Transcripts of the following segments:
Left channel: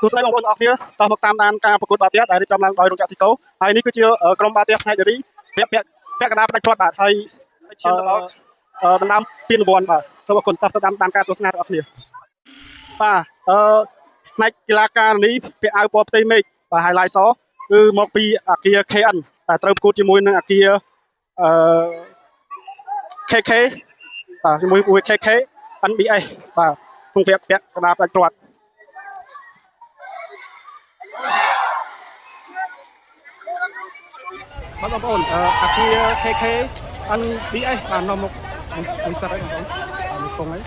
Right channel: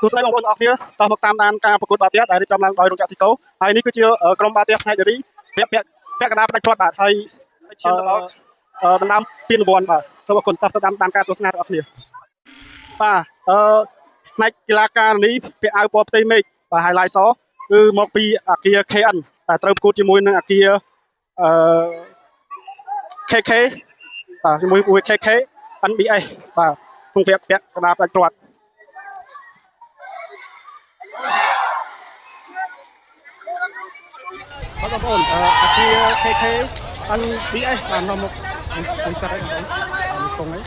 សួស្តីបងប្អូនទាំងអស់គ្នាតោះមកតាមដានការប្រកួតបាល់ទះដែលរៀបចំឡើងដោយរោងចក្រស៊ីកូហើយនេះគឺជាក្រុមបាល់ទះផ្នែកនារីពាក់កណ្ដាលផ្ដាច់ព្រាត់បាទហើយឈានទៅដល់ដណ្ដើមពានរង្វាន់បាទសូមអរគុណតោះទៅតាមការទស្សនាទាំងអស់គ្នាបាទផ្នែកកីឡាការិនីពាក់អាវពណ៌ផ្ទៃមេឃបាទ highlight សគឺមកពីអាគារ KN តែត្រូវប្រកួតជាមួយនឹងអាគារKK បាទជាមួយ KK NBS បាទក្នុងវគ្គពាក់កណ្ដាលផ្ដាច់ព្រាត់បងប្អូនអាគារ KK NBS បាននាំមកមួយសិតហើយបងប្អូនមួយគង់ហើយ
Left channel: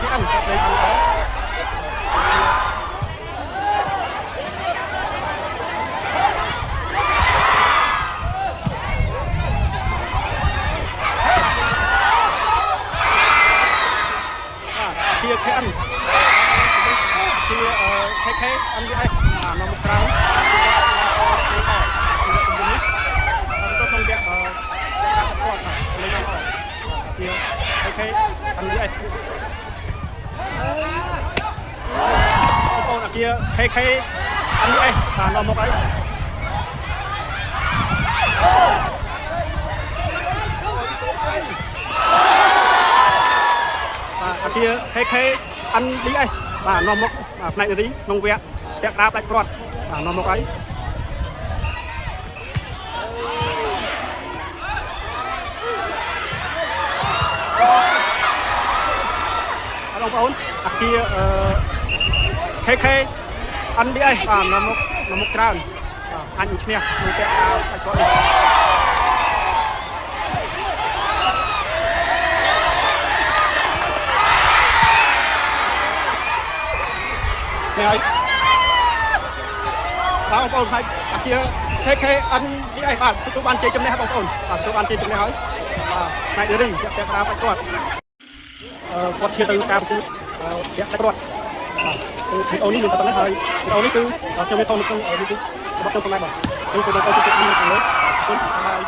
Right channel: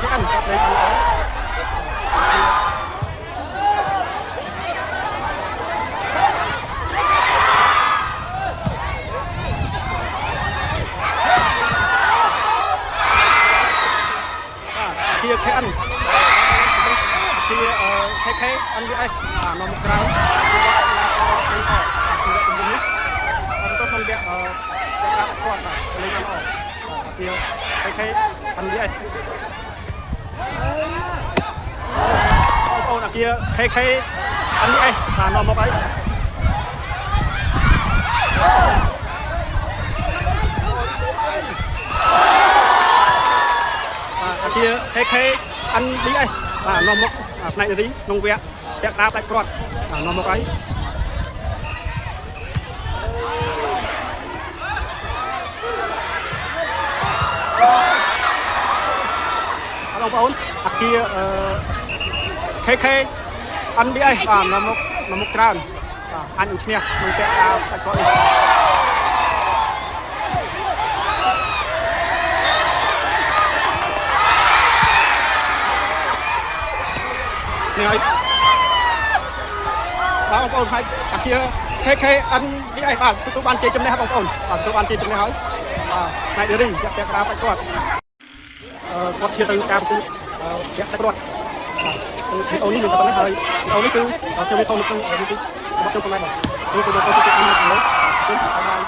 KN គាត់លេងបានល្អអាគារ KN អាគារ KK NBS នាំមកក្រោយគឺគាត់ឡើងអលេងអគឺជំនុំនេះទៅក្នុងវគ្គការគាត់បាទលេងបានល្អអាគារ KK NBS បងប្អូនអាគារ KK NBS បាទនាំមកអីបាទអាគារ KK NBS បាទនាំមកផ្នែកនារីក្នុងវគ្គពាក់កណ្ដាលផ្ដាច់ព្រាត់បាទនាំមកអីបងប្អូនអាគារKK NBS បាទនាំមកច្រើនបាទអញឈ្នះក្នុងពាក់កណ្ដាលផ្ដាច់ព្រាត់នេះនេះហើយបងប្អូនហើយអាគារ KK NBS បាទទទួលបានជ័យជំនះបងប្អូនបាទទទួលបានជ័យជំនះហើយបាទផ្នែកនារីពាក់កណ្ដាលផ្ដាច់ព្រាត់គាត់ជាទៅការប្រកួតពាក់ផ្ដាច់ព្រាត់បាទវីដេអូនេះមានតែប៉ុណ្ណេះហើយវីដេអូនេះគឺខ្ញុំមានថតនៅក្នុង YouTube របស់ខ្ញុំប៉ុណ្ណេះបាទគឺបងប្អូនជួយជួយមើលទៅលើបាទអរគុណបាយ